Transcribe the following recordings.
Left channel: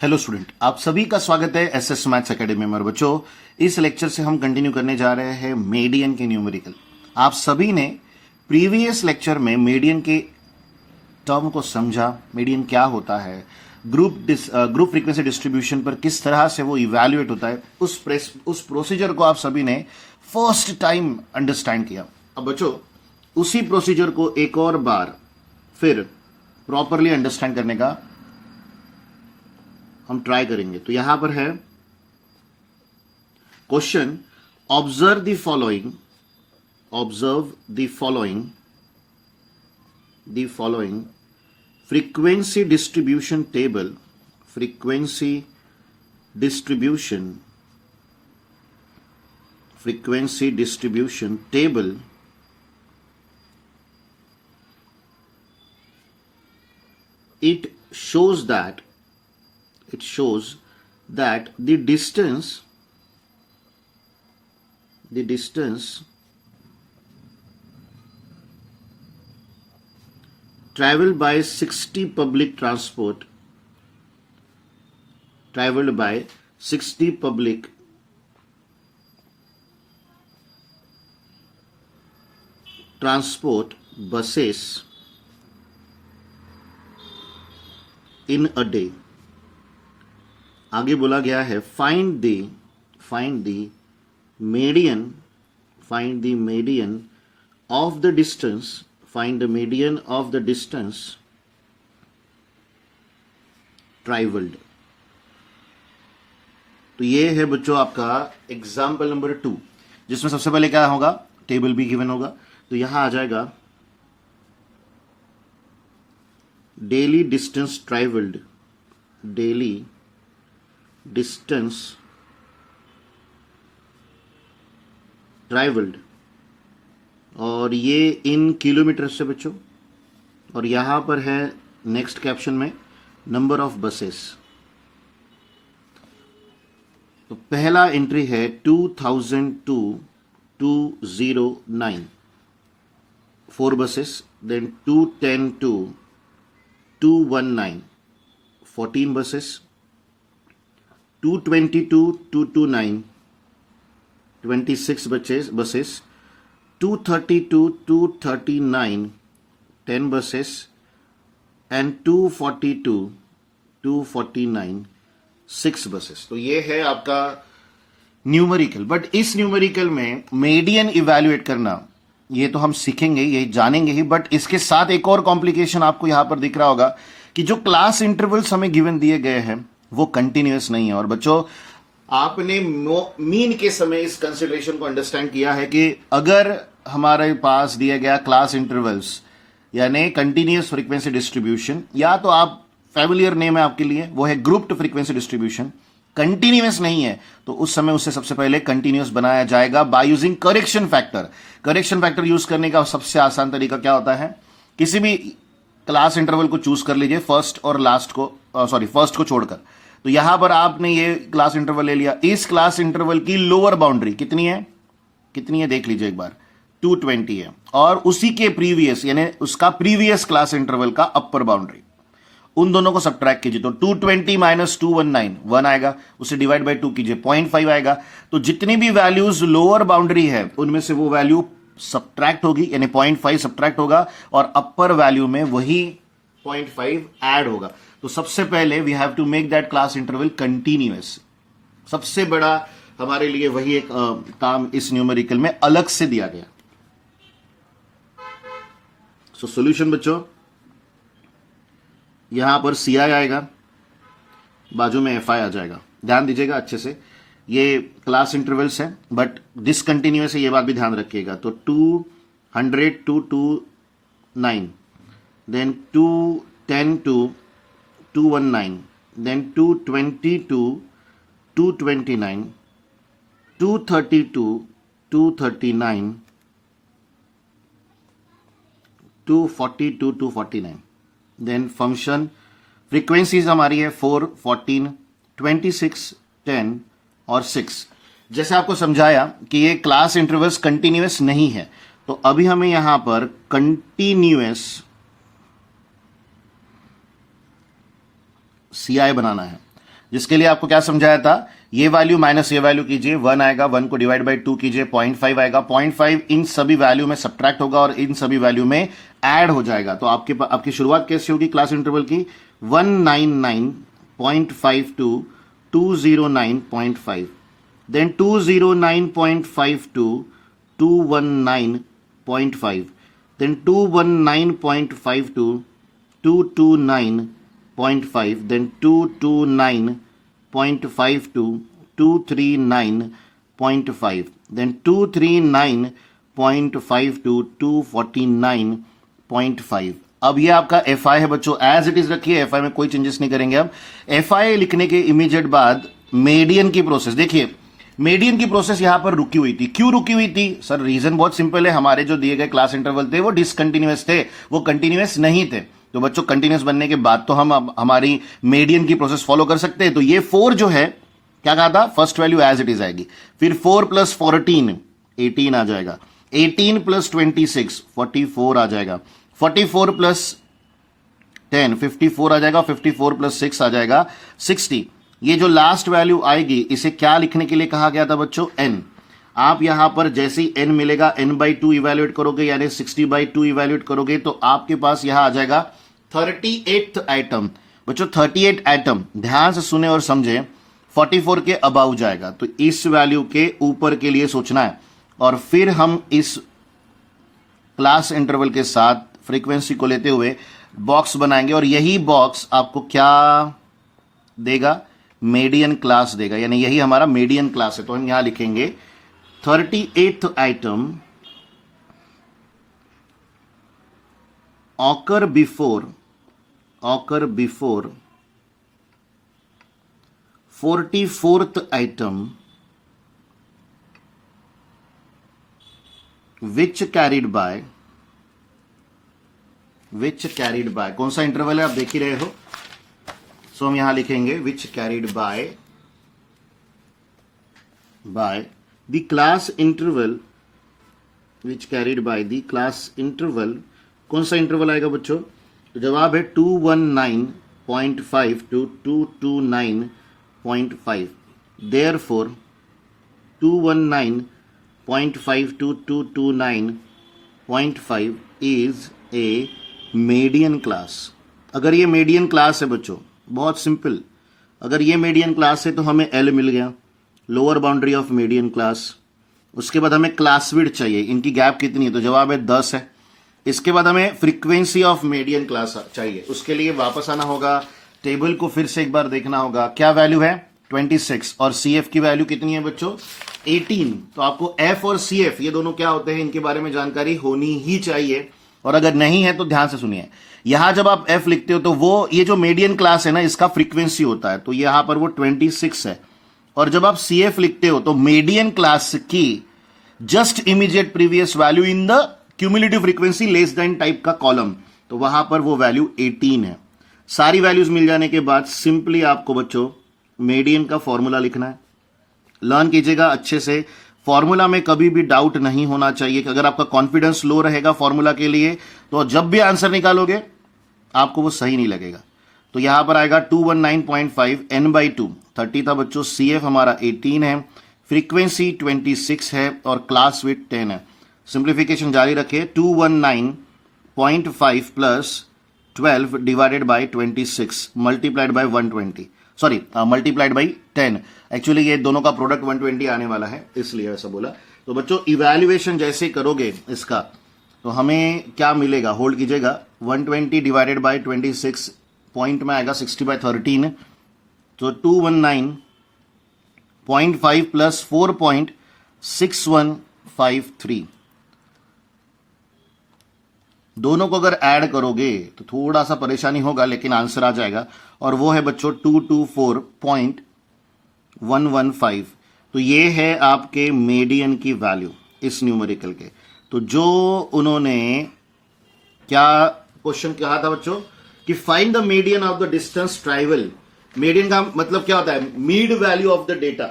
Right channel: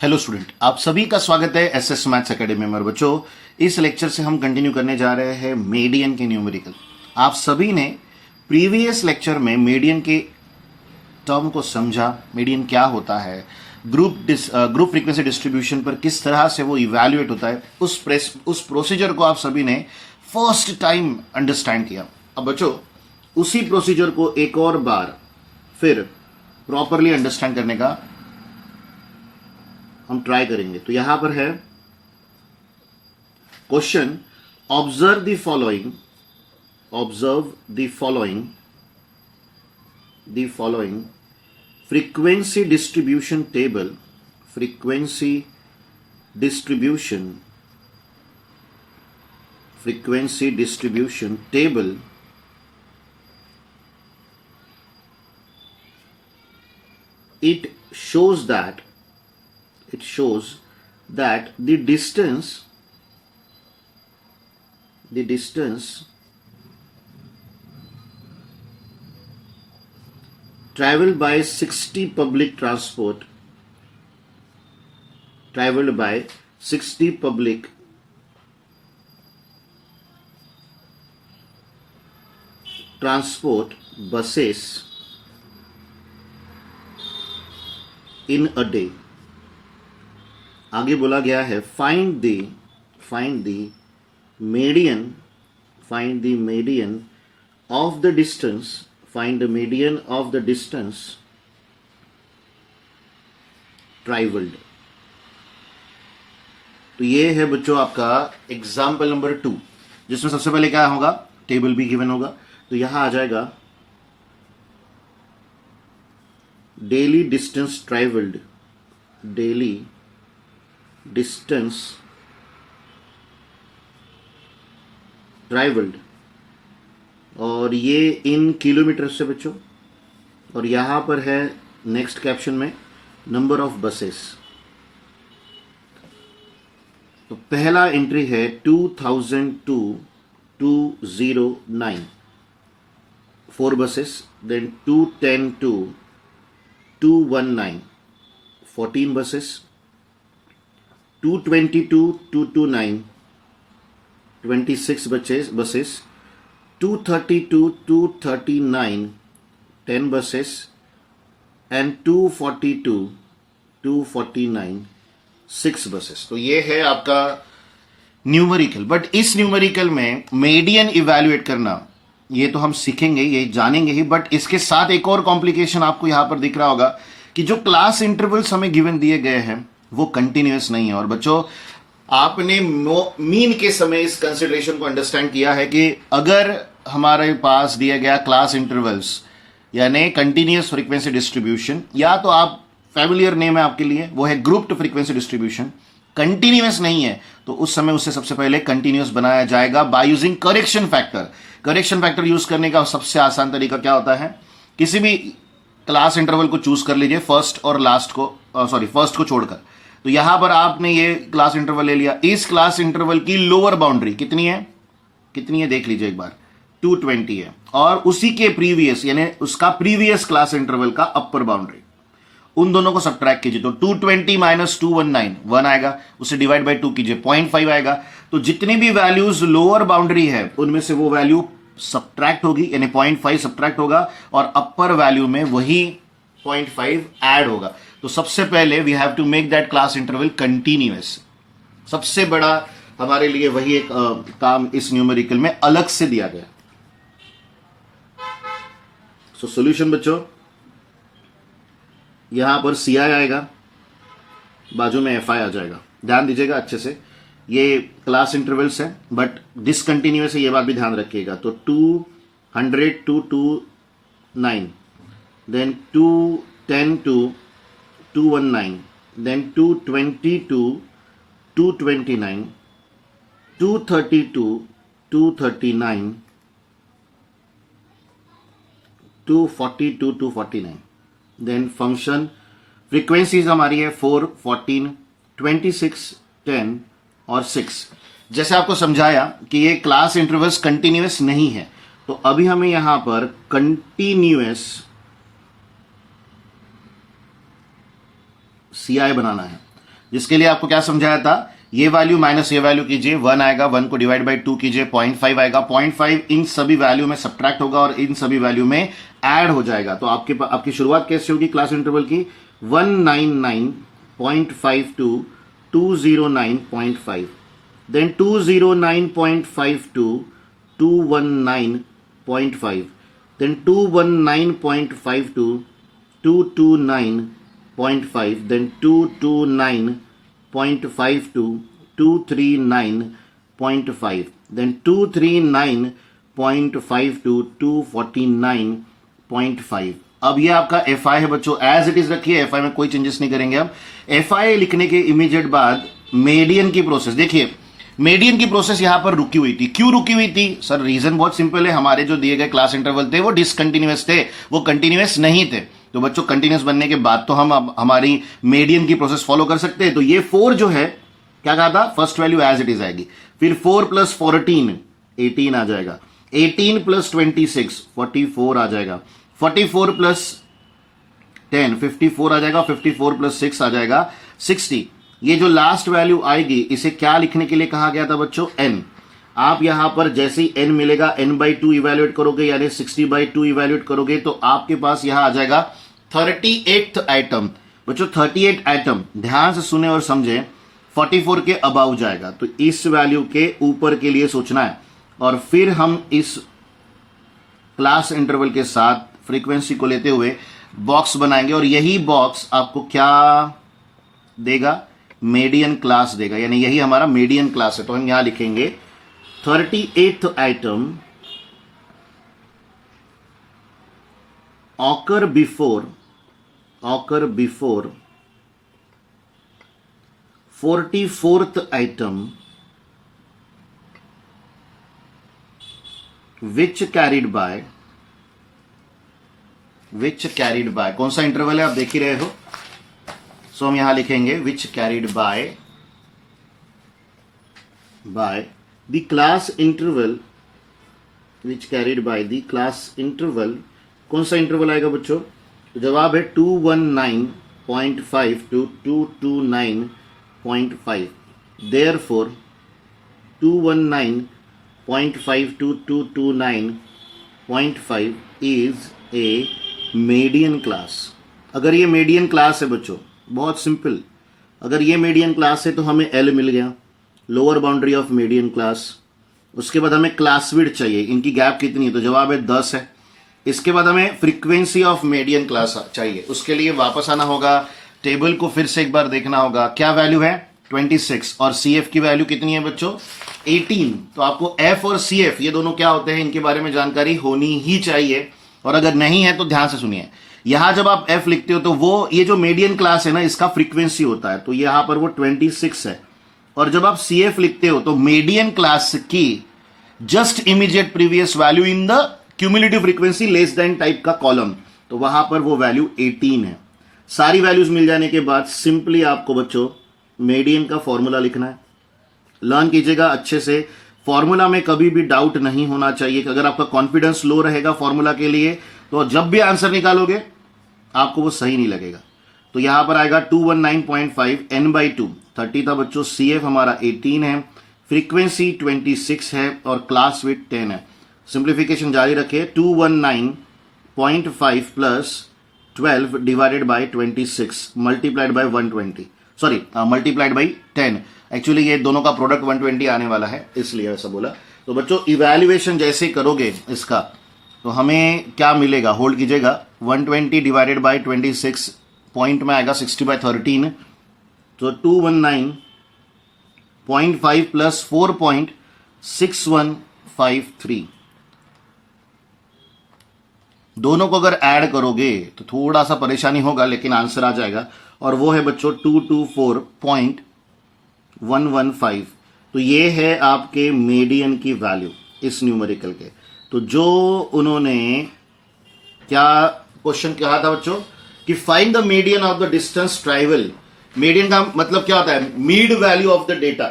Hello student, आप सभी का स्वागत है एसएस मैथ्स एकेडमी में। बच्चों, इस लेक्चर से हम कंटिन्यू करने जा रहे हैं मीडियन के न्यूमेरिकल। आप सभी ने प्रीवियस लेक्चर में मीडियन के टर्म को समझा, मीडियन क्या होता है, ग्रुप फ्रीक्वेंसी डिस्ट्रीब्यूशन पर किस तरह से वो इवैल्यूएट होता है, उस प्रोसीजर को आप सभी ने फर्स्ट टाइम अंडरस्टैंड किया। अब बच्चों, उसी प्रोसीजर को एक और बार फिर प्रॉपरली अंडरस्टैंड करने का हम ट्राई करेंगे। तो यहां पर है question, observe the following frequency distribution table it shows that the distance traveled by 60 public transport buses in a day। आगे बोला गया है find the median of the distance traveled। तो ये है बच्चों आपका एग्जाम्पल नंबर 2, जिसमें सबसे पहले क्या होगा, टेबल भी गिवन होगा। तो यहां आ जाएगा डेली डिस्टेंस ट्रैवल्ड, और ये इन किलोमीटर से बच्चों। और यहां पर है नेक्स्ट कैप्शन में नंबर ऑफ बसेस। तो पहला एंट्री है 2002-209 4 buses, then 210-219 14 buses, 222-229 26 buses, 232-239 10 buses and 242-249 6 buses. तो ये है आपका न्यूमेरिकल। बट इस न्यूमेरिकल में मीडियन इवैल्यूएट करना ये तो हम सीखेंगे, ये जानेंगे ही, बट इसके साथ एक और कॉम्प्लिकेशन आपको यहां पर दिख रहा होगा कि जो क्लास इंटरवल्स हमें गिवन दिए गए हैं वो कंटिन्यूअस नहीं है। और बच्चों, आपने मीन के समय इस कंसिडरेशन को अंडरस्टैंड किया है कि अगर हमारे पास दिया गया क्लास इंटरवल्स यानी कंटिन्यूअस फ्रीक्वेंसी डिस्ट्रीब्यूशन, या तो आप फैमिलियर नेम है आपके लिए, वो है ग्रुप्ड फ्रीक्वेंसी डिस्ट्रीब्यूशन, कंटिन्यूअस नहीं है तो उस समय उसे सबसे पहले कंटिन्यूअस बनाया जाएगा by using correction factor use करने का सबसे आसान तरीका क्या होता है, किसी भी क्लास इंटरवल को चूज कर लीजिए, फर्स्ट को छोड़कर। तो यहां पर आपने ये क्लास इंटरवल ले लिया। इस क्लास इंटरवल की लोअर बाउंड्री कितनी है देख लीजिए एक बार, 220 है, और उसी के प्रीवियस यानी उसका प्रीवियस क्लास इंटरवल का अपर बाउंड्री, उन दोनों को सब्ट्रैक्ट कीजिए। तो 220 माइनस 219 1 आएगा, उसे डिवाइड बाय 2 कीजिए, 0.5 आएगा। तो जितनी भी वैल्यूज लोअर बाउंड्री है उनमें से वो वैल्यू सब्ट्रैक्ट होगी, यानी 0.5 सब्ट्रैक्ट होगा, और अपर वैल्यू में वही 0.5 ऐड होगा। तो सबसे पहले we have to make that class interval continuous. सबसे बड़ा हमारे लिए वही एक काम इस न्यूमेरिकल में अलग से दिया गया। सो सॉल्यूशन बच्चों, यहां पर CI आएगा, बाजू में FI आ जाएगा। ध्यान दीजिएगा अच्छे से, ये क्लास इंटरवल्स है बट डिसकंटिन्यूअस है, ये बात भी ध्यान रखिएगा। तो 200-229, then 210-219, then 220-229, 232-239, 242-249। Then function frequencies हमारी है 4, 14, 26, 10 और 6। जैसे आपको समझाया कि ये क्लास इंटरवल्स कंटिन्यूअस नहीं है, तो अभी हमें यहां पर कंटिन्यूअस CI बनाना है। जिसके लिए आपको क्या समझाया था, ये वैल्यू माइनस ये वैल्यू कीजिए, 1 आएगा, 1 को डिवाइड बाई 2 कीजिए, 0.5 आएगा, 0.5 इन सभी वैल्यू में सब्ट्रैक्ट होगा और इन सभी वैल्यू में ऐड हो जाएगा। तो आपकी शुरुआत कैसे होगी क्लास इंटरवल की, 199.5 to 209.5, then 209.5 to 219.5, then 219.5 to 229.5, then 229.5 to 239.5, then 239.5 to 249.5। अब ये आपका एफ आई है बच्चों, एज इट इज रखिए, एफ आई में कोई चेंजेस नहीं करेंगे। अब एफ आई लिखने के इमीडिएट बाद मीडियन की प्रोसेस देखिए, मीडियन की प्रोसेस यहां पर रुकी हुई थी। क्यों रुकी हुई थी सर, रीजन बहुत सिंपल है, हमारे जो दिए गए क्लास इंटरवल थे वो डिसकंटिन्यूअस थे, वो कंटिन्यूअस नहीं थे। तो बच्चों कंटिन्यूअस बनने के बाद तो हम अब हमारी मीडियन की प्रोसेस फॉलो कर सकते हैं। तो ये 4 जो है क्या कहा था, first value as it is आएगी, फिर 4 + 14 18 आ जाएगा, 18 + 26 44 आ जाएगा, 44 + 10 54 आ जाएगा, 54 + 6 आ जाएगा 60। ये जो लास्ट वैल्यू आएगी इसे क्या लिखने के लिए कहा गया था बच्चों, n। आप यहां पर जैसे ही n मिलेगा n/2 इवैल्यूएट करोगे, यानी 60/2 इवैल्यूएट करोगे तो आपके पास यहां आ जाएगा 38th आइटम। बच्चों 38 आइटम ध्यान से सुने और समझे, 44 के अबाउ जाएगा, तो इस वैल्यू के ऊपर के लिए सोचना है और फिर हम इस क्लास इंटरवल के साथ फ्रीक्वेंसी को लेते हुए बॉक्स बनाएंगे और यही बॉक्स आपको क्या देगा, मीडियन क्लास देगा, यानी यही हमारा मीडियन क्लास है। तो हम यहां लिखेंगे 38th item occur before 44th item which carried bye, कौन सा इंटरवल है आप देख ही रहे हो। सो हम यहां लिखेंगे which carried by the class interval, which carried by the class interval. कौन सा इंटरवल आएगा बच्चों, जवाब है 219.5 to 229.5। Therefore 219.5 to 229.5 is a median class. अगर ये मीडियन क्लास है बच्चों, बहुत सिंपल, अगर ये मीडियन क्लास है तो हमें L मिल गया, lower boundary of median class. उसके बाद हमें क्लास विड्थ चाहिए, इनकी गैप कितनी है, तो जवाब है 10 है। इसके बाद हमें फ्रीक्वेंसी ऑफ मीडियन क्लास चाहिए, उसके लिए वापस आना होगा, टेबल को फिर से एक बार देखना होगा, क्या वैल्यू है 26 और CF की वैल्यू कितनी है बच्चों 18। तो आपको F और CF ये दोनों क्या होते हैं इनके बारे में जानकारी होनी ही चाहिए, और अगर नहीं है तो ध्यान से सुनिए। यहां जब आप F लिखते हो तो वो ये जो मीडियन क्लास है ना इसका फ्रीक्वेंसी होता है, तो यहां पर वो 26 है। और जब आप CF लिखते हो तो मीडियन क्लास की just immediate previous value in the cumulative frequency less than type का कॉलम, तो वहां पर वो वैल्यू 18 है। सारी वैल्यूज मिल जाने के बाद सिंपली आपको बच्चों मीडियन का फॉर्मूला लिखना है। लर्न कीजिएगा अच्छे से, फॉर्मूला में कभी भी डाउट नहीं होना चाहिए कि अगर आपका कॉन्फिडेंस लो रहेगा फॉर्मूला के लिए तो जब भी आंसर निकालोगे आपको वो सही नहीं लगेगा। तो यहां पर आएगा 219.5 n/2 30 था बच्चों, CF हमारा 18 है, फ्रीक्वेंसी 26 है और क्लास विड्थ 10 है। सिंप्लीफिकेशन जारी रखे, 219.5 + 12 divided by 26 multiplied by 120, sorry multiplied by 10। Actually ये दोनों का प्रोडक्ट 120 आने वाला है इसलिए ऐसा बोला। तो बच्चों इवैल्यूएशन जैसे करोगे इसका तो हमें क्या मिलेगा, होल्ड कीजिएगा, 120 डिवाइडेड बाय 26 पॉइंट में आएगा 60/13, तो 219.5 + 4.6153। दोनों को अगर ऐड करोगे तो थोड़ा सा परेशानी होगा लेकिन आंसर आ जाएगा, और वो है बच्चों 224.115। तो ये है आपके मीडियन की वैल्यू इस न्यूमेरिकल के। तो जो उन्होंने क्या क्वेश्चन कहा था बच्चों कि find the median of the distance travel. Median का मतलब क्या होता है, mid value of the data.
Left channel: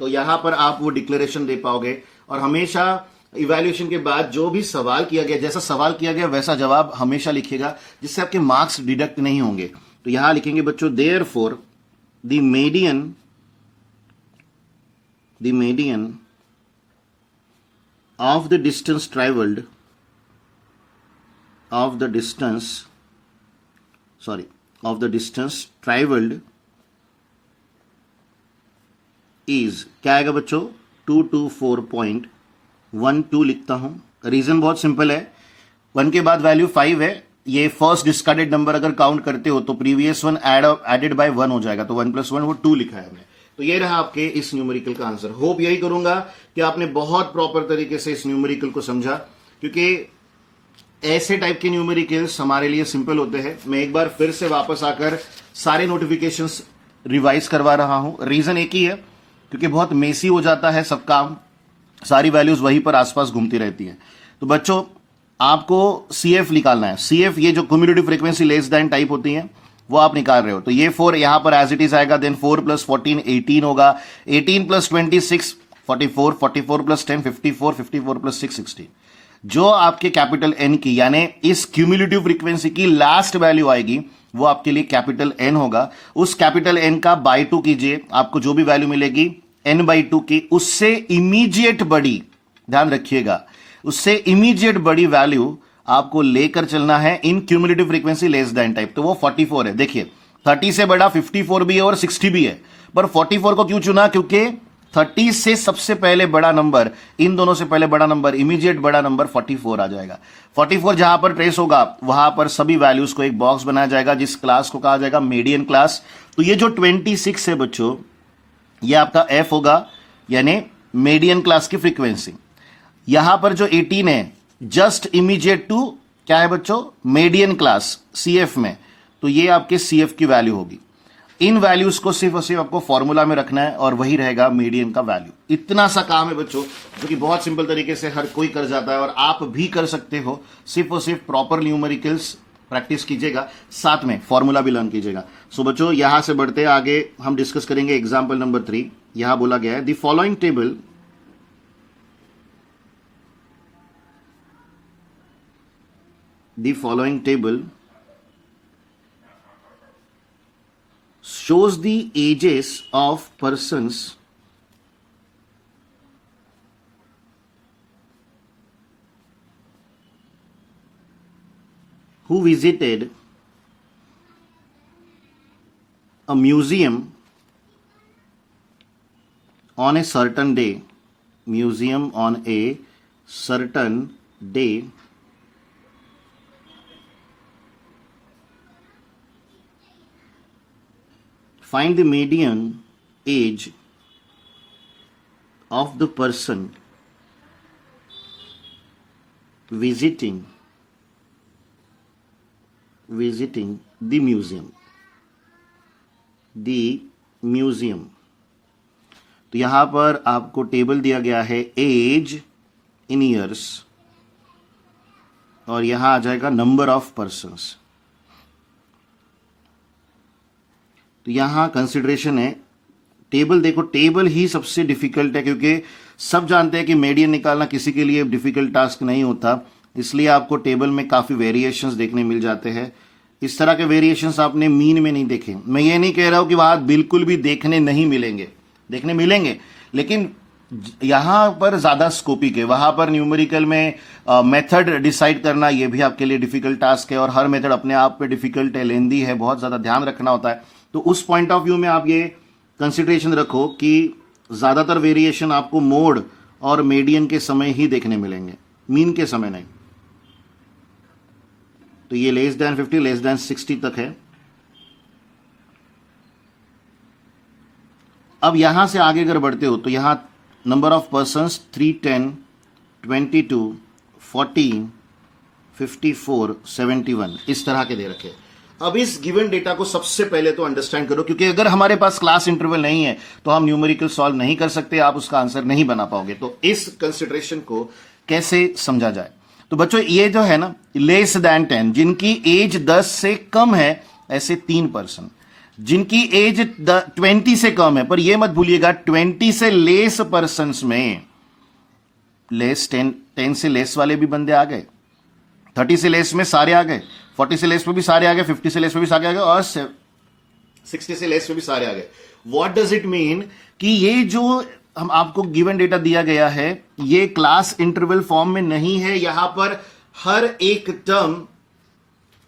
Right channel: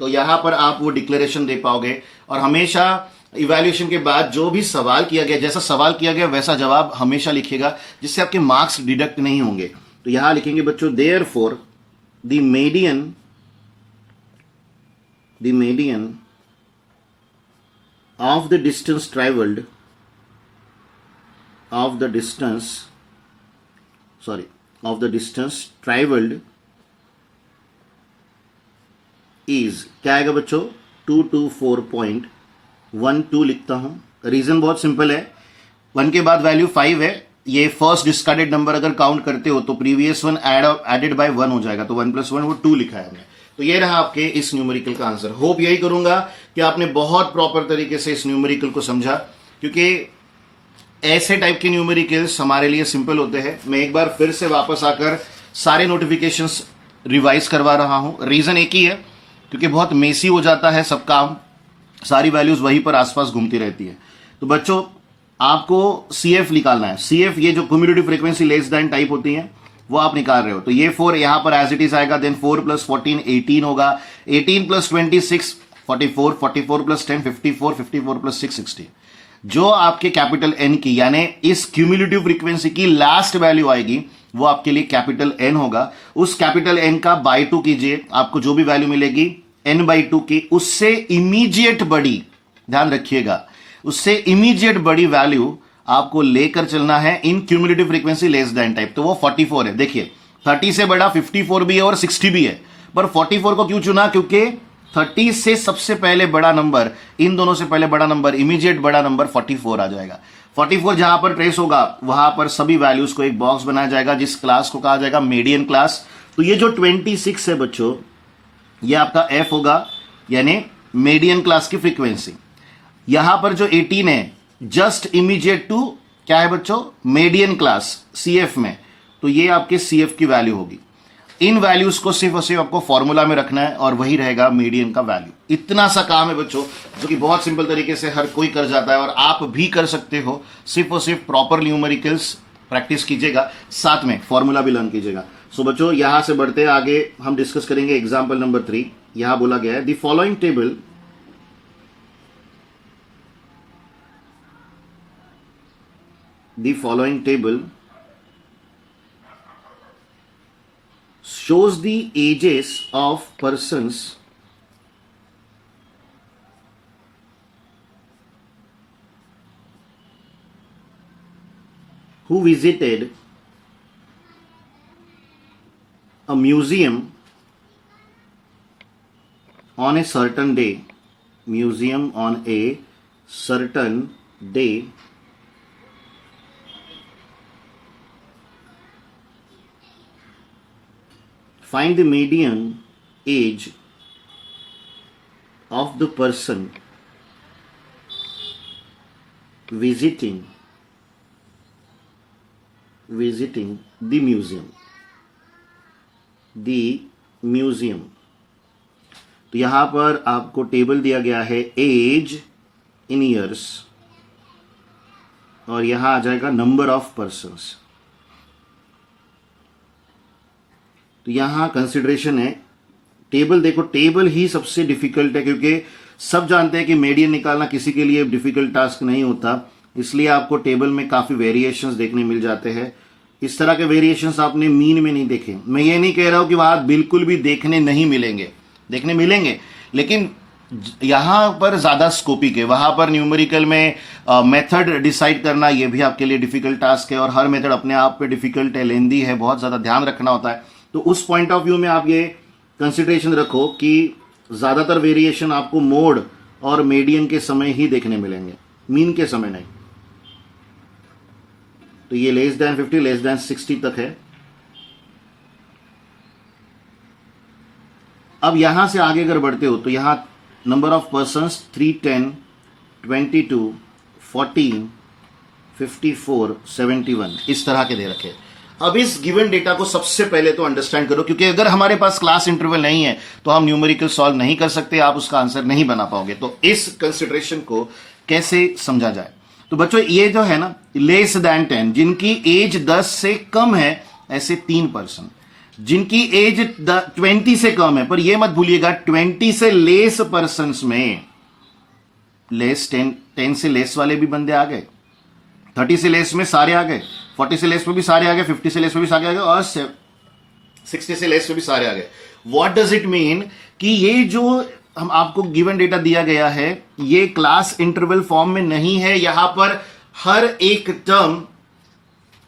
तो यहां पर आप वो डिक्लेरेशन दे पाओगे, और हमेशा इवैल्यूएशन के बाद जो भी सवाल किया गया, जैसा सवाल किया गया वैसा जवाब हमेशा लिखेगा, जिससे आपके मार्क्स डिडक्ट नहीं होंगे। तो यहां लिखेंगे बच्चों therefore the median of the distance traveled is क्या आएगा बच्चों 224.12 लिखता हूं. रीजन बहुत सिंपल है. 1 के बाद वैल्यू 5 है. ये फर्स्ट डिस्कार्डेड नंबर अगर काउंट करते हो तो प्रीवियस वन एडेड बाय 1 हो जाएगा. तो 1 + 1 वो 2 लिखा है हमने. तो ये रहा आपके इस न्यूमेरिकल का आंसर. होप यही करूंगा कि आपने बहुत प्रॉपर तरीके से इस न्यूमेरिकल को समझा, क्योंकि ऐसे टाइप के न्यूमेरिकल्स हमारे लिए सिंपल होते हैं. मैं एक बार फिर से वापस आकर सारे नोटिफिकेशंस रिवाइज करवा रहा हूं. रीजन एक ही है, क्योंकि बहुत मेसी हो जाता है सब काम, सारी वैल्यूज वहीं पर आसपास घूमती रहती है. तो बच्चों आपको CF निकालना है. CF ये जो cumulative frequency less than type होती है वो आप निकाल रहे हो. तो ये 4 यहां पर एज इट इज आएगा. देन 4 + 14 18 होगा. 18 + 26 44 44 + 10 54 54 + 6 60. जो आपके कैपिटल N की यानी इस क्यूमुलेटिव फ्रीक्वेंसी की लास्ट वैल्यू आएगी वो आपके लिए कैपिटल N होगा. उस कैपिटल N का बाय 2 कीजिए, आपको जो भी वैल्यू मिलेगी N/2 की उससे इमीडिएट बड़ी, ध्यान रखिएगा, उससे इमीडिएट बड़ी वैल्यू आपको लेकर चलना है in cumulative frequency less than type. तो वो 44 है. देखिए 30 से बड़ा 54 भी है और 60 भी है, पर 44 को क्यों चुना? क्योंकि 30 से सबसे पहले बड़ा नंबर, इन दोनों से पहले बड़ा नंबर, इमीडिएट बड़ा नंबर 44 आ जाएगा. 44 जहां पर ट्रेस होगा वहां पर सभी वैल्यूज को एक बॉक्स बनाया जाएगा जिस क्लास को कहा जाएगा मीडियन क्लास. तो ये जो 26 है बच्चों, ये आपका F होगा, यानी मीडियन क्लास की फ्रीक्वेंसी. यहां पर जो 18 है जस्ट इमीडिएट टू क्या है बच्चों? मीडियन क्लास CF में. तो ये आपके CF की वैल्यू होगी. इन वैल्यूज को सिर्फ और सिर्फ आपको फॉर्मूला में रखना है और वही रहेगा मीडियन का वैल्यू. इतना सा काम है बच्चों, जो कि बहुत सिंपल तरीके से हर कोई कर जाता है और आप भी कर सकते हो. सिर्फ और सिर्फ प्रॉपर न्यूमेरिकल्स प्रैक्टिस कीजिएगा, साथ में फॉर्मूला भी लर्न कीजिएगा. सो बच्चों यहां से बढ़ते आगे हम डिस्कस करेंगे एग्जाम्पल नंबर 3. यहां बोला गया है the following table shows the ages of persons who visited a museum on a certain day. Find the median age of the person visiting the museum. तो यहां पर आपको टेबल दिया गया है एज इन ईयर्स और यहां आ जाएगा नंबर ऑफ पर्सन्स. तो यहां कंसिडरेशन है टेबल. देखो टेबल ही सबसे डिफिकल्ट है, क्योंकि सब जानते हैं कि मीडियन निकालना किसी के लिए डिफिकल्ट टास्क नहीं होता. इसलिए आपको टेबल में काफी वेरिएशंस देखने मिल जाते हैं. इस तरह के वेरिएशंस आपने मीन में नहीं देखे. मैं ये नहीं कह रहा हूं कि वहां बिल्कुल भी देखने नहीं मिलेंगे, देखने मिलेंगे, लेकिन यहां पर ज्यादा स्कोपिक है. वहां पर न्यूमेरिकल में मेथड डिसाइड करना ये भी आपके लिए डिफिकल्ट टास्क है और हर मेथड अपने आप पे डिफिकल्ट है, लेंदी है, बहुत ज्यादा ध्यान रखना होता है. तो उस पॉइंट ऑफ व्यू में आप ये कंसिडरेशन रखो कि ज्यादातर वेरिएशन आपको मोड और मीडियन के समय ही देखने मिलेंगे, मीन के समय नहीं. तो ये लेस देन 50 लेस देन 60 तक है. अब यहां से आगे अगर बढ़ते हो तो यहां नंबर ऑफ पर्सन्स 3 10 22 14 54 71 इस तरह के दे रखे. अब इस गिवन डेटा को सबसे पहले तो अंडरस्टैंड करो, क्योंकि अगर हमारे पास क्लास इंटरवल नहीं है तो हम न्यूमेरिकल सॉल्व नहीं कर सकते, आप उसका आंसर नहीं बना पाओगे. तो इस कंसिडरेशन को कैसे समझा जाए? तो बच्चों ये जो है ना लेस देन 10, जिनकी एज 10 से कम है ऐसे 3 पर्सन, जिनकी एज 20 से कम है, पर यह मत भूलिएगा 20 से लेस पर्सन में लेस 10 से लेस वाले भी बंदे आ गए, 30 से लेस में सारे आ गए, 40 से लेस में भी सारे आ गए, 50 से लेस में भी सारे आ गए और 60 से लेस में भी सारे आ गए। व्हाट डज इट मीन कि ये जो हम आपको गिवन डेटा दिया गया है ये क्लास इंटरवल फॉर्म में नहीं है, यहां पर हर एक टर्म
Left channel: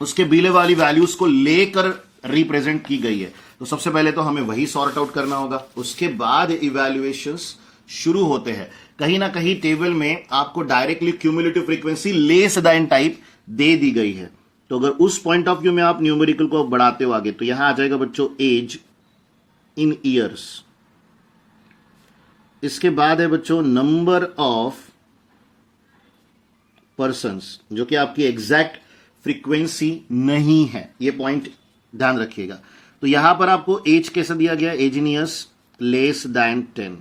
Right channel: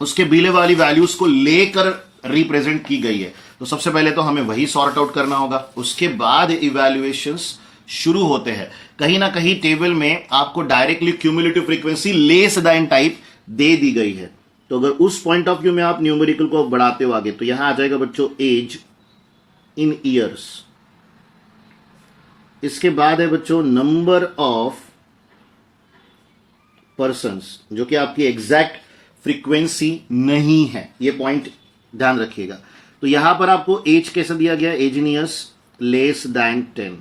उसके बीले वाली वैल्यूज को लेकर रिप्रेजेंट की गई है। तो सबसे पहले तो हमें वही सॉर्ट आउट करना होगा, उसके बाद इवैल्यूएशंस शुरू होते हैं। कहीं ना कहीं टेबल में आपको directly cumulative frequency less than type दे दी गई है। तो अगर उस पॉइंट ऑफ व्यू में आप न्यूमेरिकल को बढ़ाते हो आगे तो यहां आ जाएगा बच्चों एज इन ईयर्स। इसके बाद है बच्चों नंबर ऑफ पर्सन्स, जो कि आपकी एग्जैक्ट फ्रीक्वेंसी नहीं है, ये पॉइंट ध्यान रखिएगा। तो यहां पर आपको एज कैसे दिया गया, age in years less than 10,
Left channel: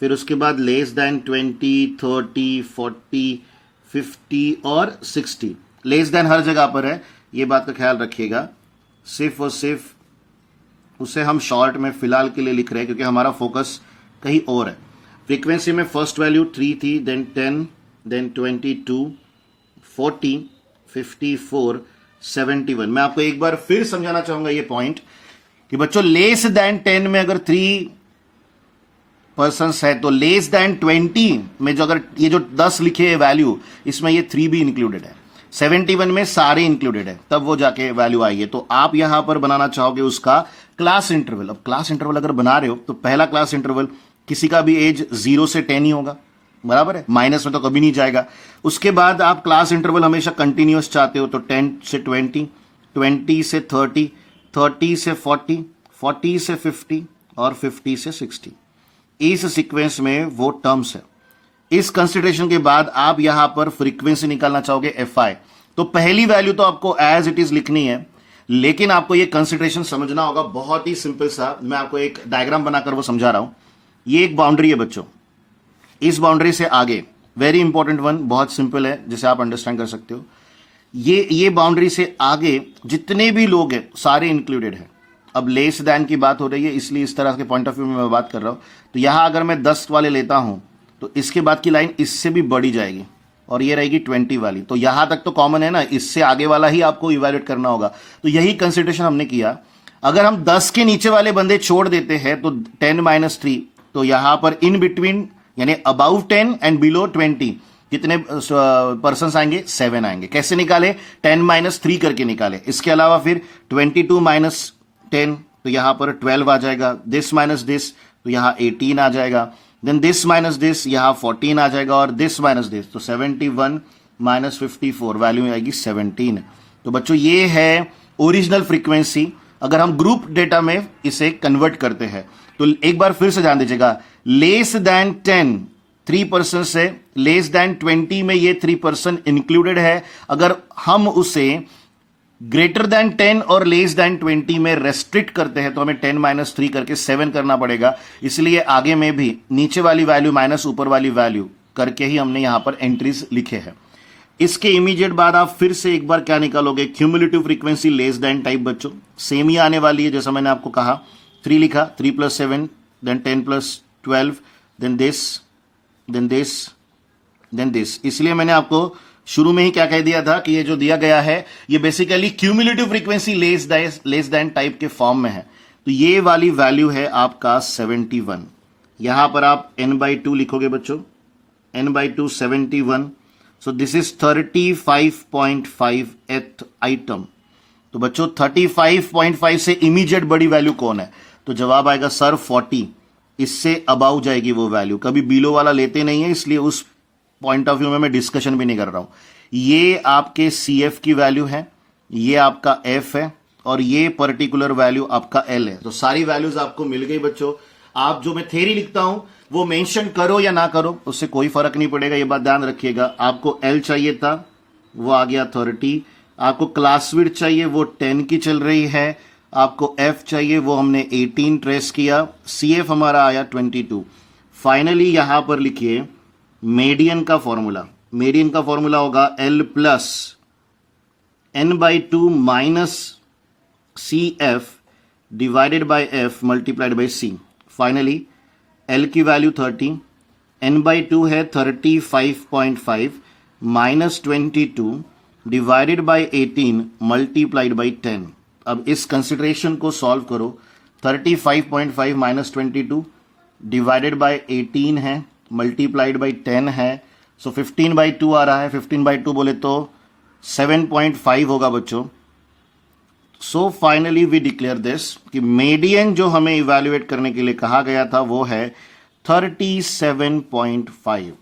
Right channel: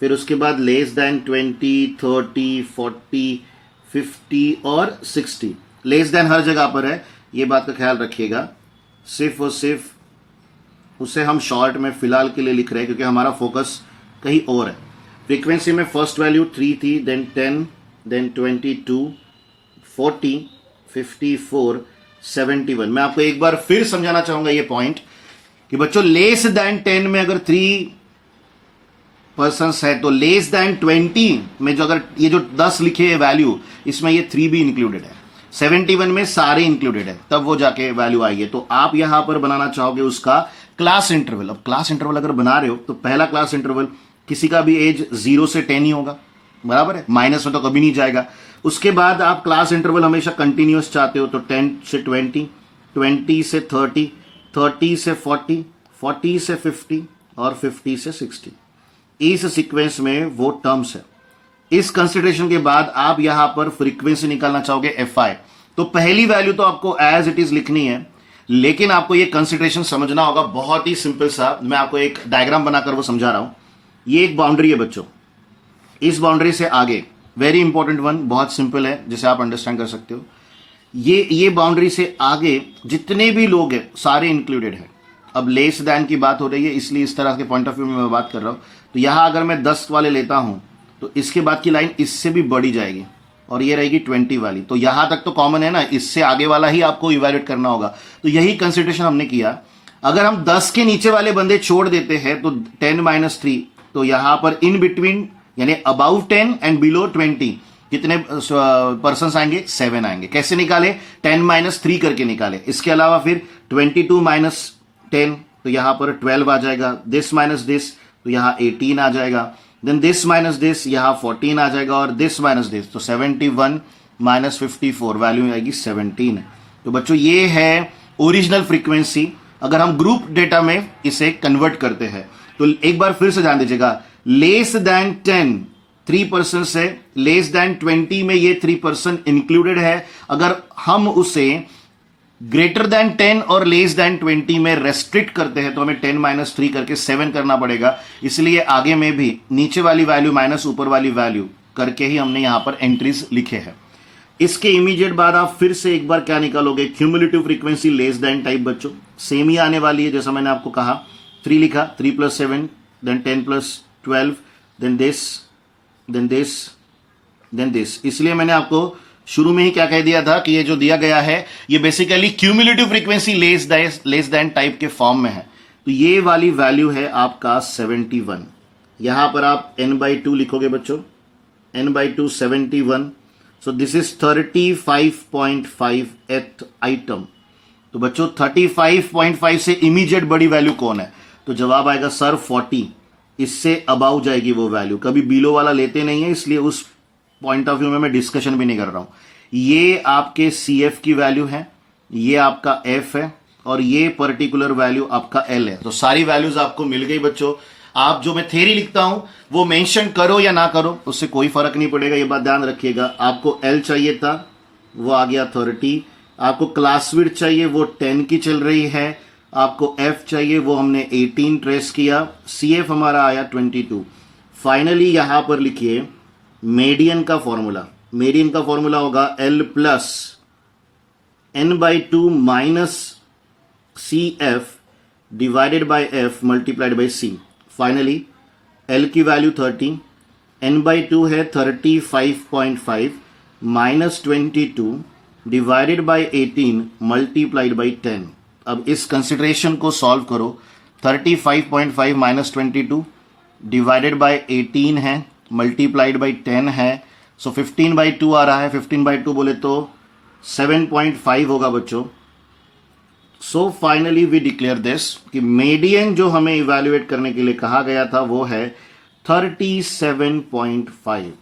फिर उसके बाद लेस दैन 20, 30, 40, 50 और 60। लेस दैन हर जगह पर है, ये बात का ख्याल रखिएगा। सिर्फ और सिर्फ उसे हम शॉर्ट में फिलहाल के लिए लिख रहे हैं क्योंकि हमारा फोकस कहीं और है। फ्रीक्वेंसी में फर्स्ट वैल्यू 3 थी, देन 10, देन 22, 40, 54, 71। मैं आपको एक बार फिर समझाना चाहूंगा ये पॉइंट कि बच्चों लेस दैन 10 में अगर 3 पर्सन्स है तो लेस दैन 20 में जो अगर ये जो 10 लिखे है वैल्यू, इसमें ये 3 भी इंक्लूडेड है। 71 में सारे इंक्लूडेड है, तब वो जाके वैल्यू आई है। तो आप यहां पर बनाना चाहोगे उसका क्लास इंटरवल। अब क्लास इंटरवल अगर बना रहे हो तो पहला क्लास इंटरवल किसी का भी एज 0 से 10 ही होगा, बराबर है, माइनस में तो कभी नहीं जाएगा। उसके बाद आप क्लास इंटरवल हमेशा कंटिन्यूअस चाहते हो तो 10 से 20, 20 से 30, 30 से 40, 40 से 50 और 50 से 60। इस सीक्वेंस में वो टर्म्स है। इस कंसिडरेशन के बाद आप यहां पर फ्रीक्वेंसी निकालना चाहोगे FI, तो पहली वैल्यू तो आपको एज इट इज लिखनी है, लेकिन आपको ये कंसिडरेशन समझना होगा। बहुत ही सिंपल सा मैं आपको एक डायग्राम बनाकर वो समझा रहा हूं। ये एक बाउंड्री है बच्चों, इस बाउंड्री से आगे वेरी इंपॉर्टेंट वन, बहुत सिंपल है जिसे आप अंडरस्टैंड कर सकते हो। ये बाउंड्री से आगे जितने भी लोग हैं सारे इंक्लूडेड है। अब लेस दैन की बात हो रही है इसलिए इस तरह के पॉइंट ऑफ व्यू में मैं बात कर रहा हूं। तो यहां अगर मैं 10 वाले लेता हूं तो इसके बाद की लाइन इससे भी बढ़ी जाएगी और ये रहेगी 20 वाली। तो यहां तक तो कॉमन है ना, इससे आगे वाला ही आपको इवैल्यूएट करना होगा। तो यही कंसिडरेशन हमने किया। अगर हम 10 के नीचे वाले बंदे छोड़ देते हैं तो 10 - 3, तो यहां पर इन बिटवीन यानी अबाउ 10 एंड बिलो 20 कितने पर्सन आएंगे, 7 आएंगे। कैसे निकाले, 10 - 3 करके निकाले। इसके अलावा फिर 22 - 10 तो यहां पर 12 आ जाएगा। दिस माइनस दिस तो यहां 18 आ जाएगा। देन दिस माइनस दिस यहां 14 आ जाएगा और दिस माइनस दिस तो 71 - 54 वैल्यू आएगी 17। तो बच्चों ये है ओरिजिनल फ्रीक्वेंसी। अगर हम ग्रुप डेटा में इसे कन्वर्ट करते हैं तो एक बार फिर से ध्यान दीजिएगा, लेस दैन 10 3% से लेस दैन 20 में ये 3% इंक्लूडेड है। अगर हम उसे ग्रेटर दैन 10 और लेस दैन 20 में रेस्ट्रिक्ट करते हैं तो हमें 10 - 3 करके 7 करना पड़ेगा। इसलिए आगे में भी नीचे वाली वैल्यू माइनस ऊपर वाली वैल्यू करके ही हमने यहां पर एंट्रीज लिखे हैं। इसके इमीडिएट बाद आप फिर से एक बार क्या निकालोगे, cumulative frequency less than type बच्चों सेम ही आने वाली है जैसा मैंने आपको कहा। 3 लिखा, 3 + 7 then 10 + 12 then this then this then this. इसलिए मैंने आपको शुरू में ही क्या कह दिया था कि ये जो दिया गया है ये basically cumulative frequency less than type के फॉर्म में है। तो ये वाली वैल्यू है आपका 71। यहां पर आप n/2 लिखोगे बच्चों, n/2 71। So this is 35.5th item. तो बच्चों 35.5 से इमीडिएट बड़ी वैल्यू कौन है, तो जवाब आएगा सर 40। इससे अबाउ जाएगी वो वैल्यू, कभी बिलो वाला लेते नहीं है, इसलिए उस पॉइंट ऑफ व्यू में मैं डिस्कशन भी नहीं कर रहा हूं। ये आपके CF की वैल्यू है, ये आपका F है और ये पर्टिकुलर वैल्यू आपका L है। तो सारी वैल्यूज आपको मिल गई बच्चों। आप जो मैं थ्योरी लिखता हूं वो मेंशन करो या ना करो उससे कोई फर्क नहीं पड़ेगा, ये बात ध्यान रखिएगा। आपको L चाहिए था वो आ गया 30, आपको क्लास विड्थ चाहिए वो 10 की चल रही है, आपको F चाहिए वो हमने 18 ट्रेस किया, CF हमारा आया 22। फाइनली यहां पर लिखिए मीडियन का फॉर्मूला। मीडियन का फॉर्मूला होगा L + n/2 - CF divided by F multiplied by C। Finally L की वैल्यू 30, n/2 है 35.5 - 22 डिवाइडेड बाय 18 मल्टीप्लाइड बाय 10। अब इस कंसिडरेशन को सॉल्व करो। 35.5 माइनस 22 डिवाइडेड बाय 18 है, मल्टीप्लाइड बाय 10 है, सो 15/2 आ रहा है। 15/2 बोले तो 7.5 होगा बच्चों। So finally we declare this कि मीडियन जो हमें इवैल्यूएट करने के लिए कहा गया था वो है 37.5।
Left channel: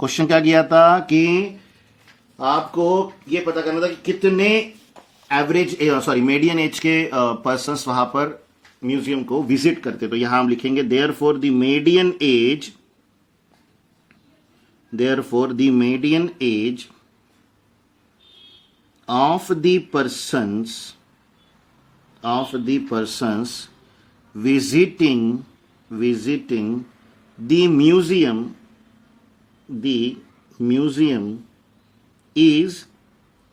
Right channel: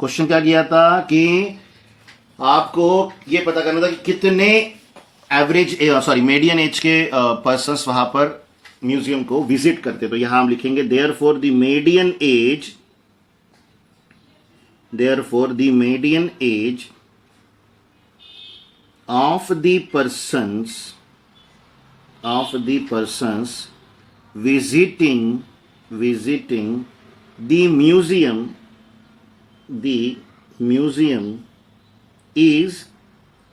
क्वेश्चन क्या किया था कि आपको ये पता करना था कि कितने एवरेज मीडियन एज के पर्सन्स वहां पर म्यूजियम को विजिट करते। तो यहां हम लिखेंगे therefore the median age of the persons visiting the museum is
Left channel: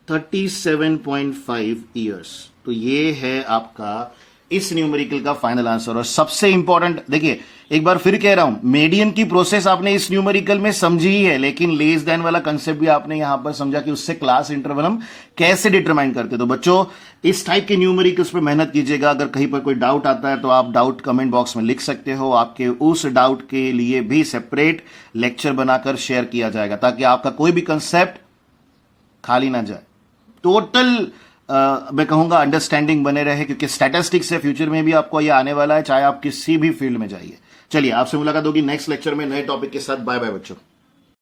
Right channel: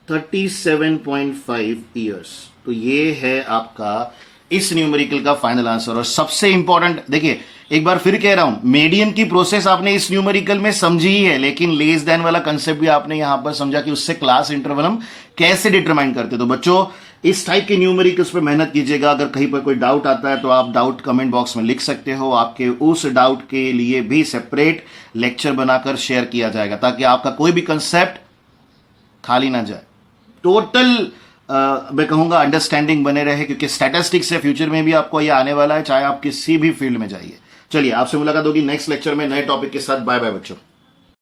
37.5 years। तो ये है आपका इस न्यूमेरिकल का फाइनल आंसर। और सबसे इंपॉर्टेंट देखिए, एक बार फिर कह रहा हूं, मीडियन की प्रोसेस आपने इस न्यूमेरिकल में समझी ही है, लेकिन लेस देन वाला कंसेप्ट भी आपने यहां पर समझा कि उससे क्लास इंटरवल हम कैसे डिटरमाइन करते। तो बच्चों इस टाइप के न्यूमेरिकल्स पे मेहनत कीजिएगा। अगर कहीं पर कोई डाउट आता है तो आप डाउट कमेंट बॉक्स में लिख सकते हो। आपके उस डाउट के लिए भी सेपरेट लेक्चर बनाकर शेयर किया जाएगा, ताकि आपका कोई भी कंसेप्ट खाली ना जाए, टोटल मैं कहूंगा अंडरस्टैंडिंग बने रहे, क्योंकि स्टैटिस्टिक्स से फ्यूचर में भी आपको ये आने वाला है, चाहे आप किसी भी फील्ड में जाइए। चलिए, आपसे मुलाकात होगी नेक्स्ट लेक्चर में नए टॉपिक के साथ। बाय बाय बच्चों।